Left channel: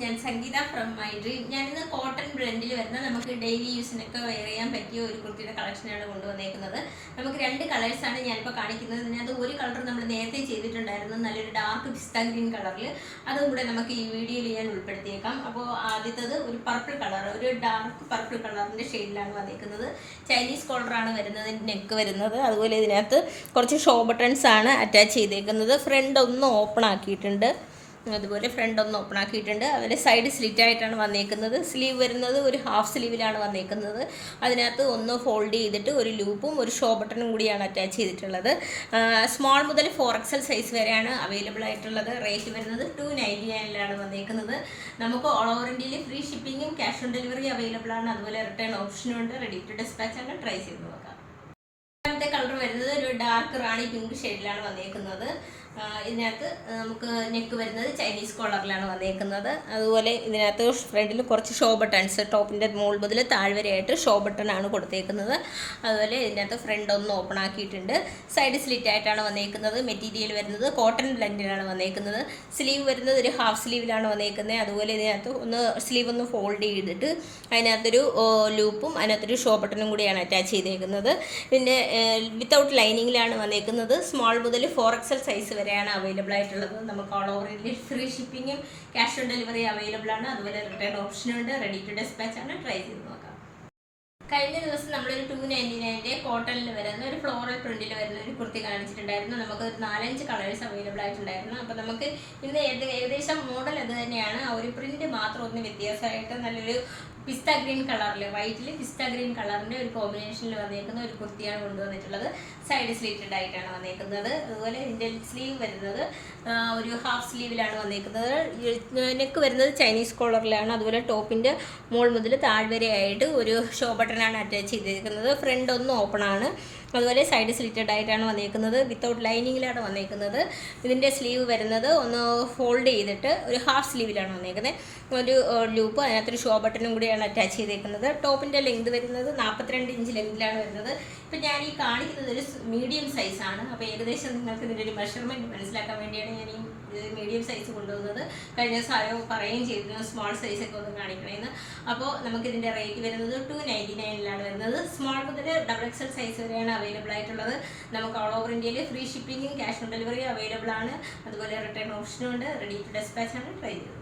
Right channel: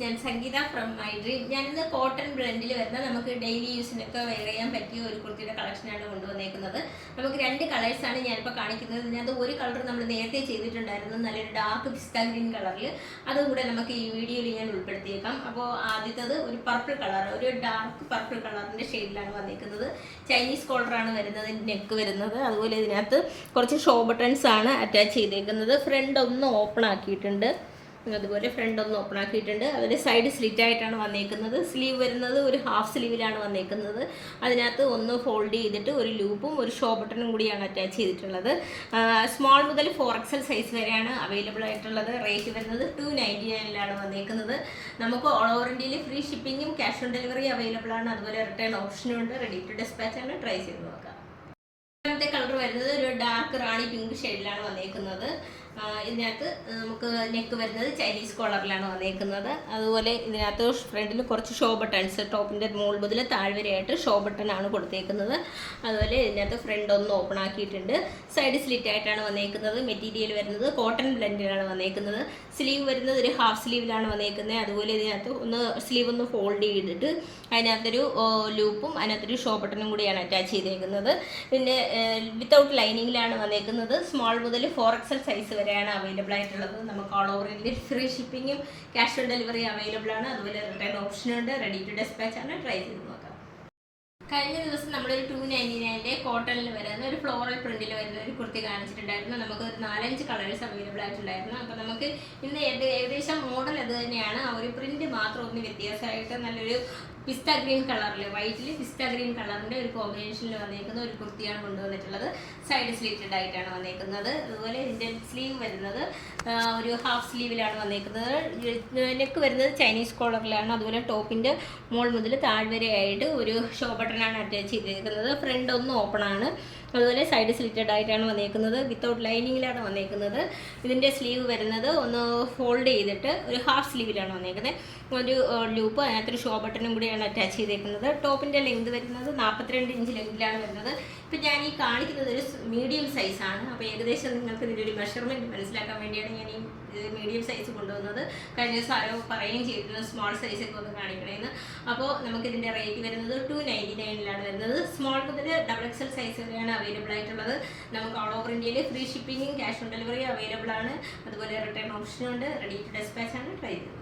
ഞാൻ സംഗീത from my dream. ഞാനിന്ന് cotton ബ്ലെൻഡിൽ വരുന്ന നമുക്ക് ഡെയിലി യൂസിനൊക്കെ വെയർ ചെയ്യാൻ പറ്റിയ ഒരു കുർത്തിയുടെ കളക്ഷനാണ് കൊണ്ടുവന്നേക്കുന്നത്. നമുക്ക് രണ്ട് കളേഴ്സാണ് ഞാനിപ്പോൾ കാണിക്കുന്നത്. ഇതിനകത്ത് ഒരു കളർ നമ്മൾ നേരത്തെ ചെയ്തിട്ടുണ്ടായിരുന്നു, നല്ലൊരു ഡാർക്ക് പിസ്ത ഗ്രീൻ കളറിൽ. അതും കൂടെ നമുക്ക് ഈ വീഡിയോയിൽ ഞാൻ ഉൾപ്പെടുത്തിയേക്കാം. അപ്പോൾ ആദ്യത്തത് ഒരു പർപ്പിൾ കളർ, ഒരു ഡാർക്ക് പർപ്പിൾ കളറിൻ്റെ ഷെയ്ഡിലാണ് വന്നേക്കുന്നത്. ചൈനീസ് കോളറാണ് വരുന്നത്, നെക്ക് വരുന്നത്. അതുപോലെ ഇതിനകത്ത് കുറച്ച് ഷോ ബട്ടൺസ് ആണ് അറ്റാച്ച് ചെയ്തേക്കുന്നത്. ഫ്രണ്ട് ഒന്ന് ഓപ്പൺ ആക്കിയിട്ടുണ്ട്, അതുപോലെ ഫ്രണ്ട് ഒന്ന് ഓപ്പൺ ആക്കിയിട്ടുണ്ട്. അതുപോലെ സൈഡ് സ്ലിറ്റ് ആയിട്ടാണ് വന്നേക്കുന്നത്. സ്ലീവ് വരുന്നത് ഒരു ഹാഫ് സ്ലീവിലാണ് വന്നേക്കുന്നത്. അതിനകത്ത് ഒന്ന് ഫോൾഡ് ചെയ്തിട്ട് ഒരു ലൂപ്പും ഒരു ഷോ ബട്ടണും കൂടിയാണ് അറ്റാച്ച് ചെയ്തിട്ടുള്ളത്. സ്മോൾ മുതൽ 4XL സൈസ് വരെയാണ് അവൈലബിൾ ആയിട്ടുള്ളത്. റേറ്റ് വരുന്നത് 299 വന്നേക്കുന്നത്. നമുക്ക് ഓൾ ഓവർ ഇന്ത്യയിൽ ഫ്രീ ഷിപ്പിങ്ങും ക്യാഷ് ഓൺ ഡെലിവറി അവൈലബിൾ ആണ്. അതുപോലെ റിട്ടേൺ ഓപ്ഷനും ഉണ്ട്. റെഡി ടു ഡിസ്പാച്ച് ആണ്. ട്രൈ ചെയ്ത് നോക്കാം. രണ്ടാമത്തെ കളർ വരുന്നത് ഒരു ഡാർക്ക് റാണി പിങ്ക് ഷെയ്ഡിലാണ് വന്നേക്കുന്നത്. ഇതിനകത്ത് നമുക്ക് നെക്ക് വരുന്നത് ചൈനീസ് കോളറിലാണ് വന്നേക്കുന്നത്. അതുപോലെ ഇതിനകത്ത് ഫ്രണ്ടിൽ കുറച്ച് ഷോ ബട്ടൺസ്, ടോപ്പിൻ്റെ മുകൾ മുതൽ താഴ്വരെയായിട്ട് ഷോ ബട്ടണാണ് കൊടുത്തേക്കുന്നത്. അതുപോലെ ഇതിനകത്ത് ഫ്രണ്ട് ഒന്ന് ഓപ്പൺ ആക്കിയിട്ടുണ്ട്. സൈഡ് സ്ലിറ്റ് ആയിട്ടാണ് വന്നേക്കുന്നത്. മെറ്റീരിയൽ വരുന്നത് കോട്ടൺ ബ്ലെൻഡിലാണ് വന്നേക്കുന്നത്. സ്ലീവ് വരുന്നത് ഒരു ഹാഫ് സ്ലീവിലാണ് വന്നേക്കുന്നത്. അതുപോലെ ഇതിനകത്ത് സ്ലീവ് ഒന്ന് ഫോൾഡ് ചെയ്തിട്ട് അതിനകത്തൊരു ലൂപ്പും അതിനകത്തൊരു ഷോ ബട്ടണും കൂടിയാണ് അറ്റാച്ച് ചെയ്തേക്കുന്നത്. ഇതിൻ്റെ വിത്തൗട്ട് ലൈനിങ്ങിലാണ് വന്നേക്കുന്നത്. സ്മോൾ മുതൽ 4XL സൈസ് വരെയാണ് അവൈലബിൾ ആയിട്ടുള്ളത്. നമുക്ക് ഓൾ ഓവർ ഇന്ത്യയിൽ ഫ്രീ ഷിപ്പിങ്ങും ക്യാഷ് ഓൺ ഡെലിവറി അവൈലബിൾ ആണ്. അതുപോലെ റിട്ടേൺ ഓപ്ഷനുണ്ട്. റെഡി ടു ഡിസ്പാച്ച് ആണ്. ട്രൈ ചെയ്ത് നോക്കാം. കഴിഞ്ഞ ദിവസം നമ്മളൊരു 299 കോട്ടണിൽ വരുന്ന ഒരു ഫ്ലോറൽ പ്രിന്റിൽ വരുന്ന ഒരു കുർത്തി കാണിച്ചിട്ടുണ്ടായിരുന്നു. നമുക്ക് ഒരു 4-5 കളേഴ്സ് അവൈലബിൾ ആയിട്ടുണ്ടായിരുന്നു. അപ്പോൾ നമുക്ക് ഇന്ന് ഏകദേശം മോഡൽ അത് തന്നെയാണ്. ആ ഒരു പ്രിന്റ് മാത്രം ഒന്ന് വ്യത്യാസമായിട്ട് നല്ലൊരു പിസ്ത ഗ്രീൻ കളറിൽ, വൈറ്റിൽ പിസ്ത ഗ്രീൻ കളറിൻ്റെ ഒരു കോമ്പിനേഷനിൽ വന്നേക്കുന്ന ഒരു കുർത്തിയാണ് കൊണ്ടുവന്നിട്ടുള്ളത്. സൈഡ് സ്ലീറ്റഡ് ആയിട്ടാണ് വന്നേക്കുന്നത്. അതുപോലെ ഇതിൻ്റെ സ്ലീവ് വരുന്നത് ഒരു ഹാഫ് സ്ലീവിലാണ് വന്നേക്കുന്നത്. നെക്ക് വരുന്നത് ചൈനീസ് കോളറിലാണ്. അതുപോലെ ടോപ്പിൻ്റെ മുകൾ മുതൽ താഴ്വരെയായിട്ട് ഒരു ഷോ ബട്ടണാണ് അറ്റാച്ച് ചെയ്തിരിക്കുന്നത്. ഫ്രണ്ട് ഒന്ന് ഓപ്പൺ ആണ്. അതുപോലെ സൈഡ് സ്ലിറ്റഡ് ആയിട്ടാണ് വന്നേക്കുന്നത്. വിത്തൗട്ട് ലൈനിങ്ങിലാണ് വന്നേക്കുന്നത്. ഇതിൻ്റെ സ്ലീവ് വരുന്നത് ഒന്ന് ഫോൾഡ് ചെയ്തിട്ട് ഒരു ഹാഫ് സ്ലീവിലാണ് വന്നേക്കുന്നത്. ഒരു ലൂപ്പ്, അതിനകത്തൊരു ഷോ ബട്ടണും കൂടിയാണ് അറ്റാച്ച് ചെയ്തേക്കുന്നത്. ടോപ്പിൻ്റെ ലെങ്ത് വരുന്നത് 42 ഇഞ്ച് ലെങ്തിലാണ് വരുന്നത്. ഇപ്പം ഞാൻ ഈ കാണിക്കുന്നത് ഒരു മീഡിയം സൈസാണ്. അപ്പോൾ ഏകദേശം നിങ്ങൾക്ക് ഇതിൻ്റെ ഒരു മെഷർമെൻറ്റ് മനസ്സിലാക്കാൻ വേണ്ടിയാണ് ഞാൻ ഈ മീഡിയം സൈസ് കൊണ്ടുവന്നത്. കഴിഞ്ഞ ദിവസം ആരോ പറയുകയും ചെയ്തിരുന്നു സ്മോൾ സൈസൊക്കെ ഒന്ന് കാണിക്കണമെന്ന്. അപ്പോൾ നമുക്കിതിൻ്റെ റേറ്റ് വരുന്നത് 299 വരുന്നത്. സ്മോൾ മുതൽ XXL സൈസ് വരെയാണ് അവൈലബിൾ ആയിട്ടുള്ളത്. നമുക്ക് ഓൾ ഓവർ ഇന്ത്യയിൽ ഫ്രീ ഷിപ്പിങ്ങും ക്യാഷ് ഓൺ ഡെലിവറി അവൈലബിൾ ആണ്. അതുപോലെ റിട്ടേൺ ഓപ്ഷനും ഉണ്ട്. റെഡി ടു ഡിസ്പാച്ച് ആണ്. ട്രൈ ചെയ്തത്.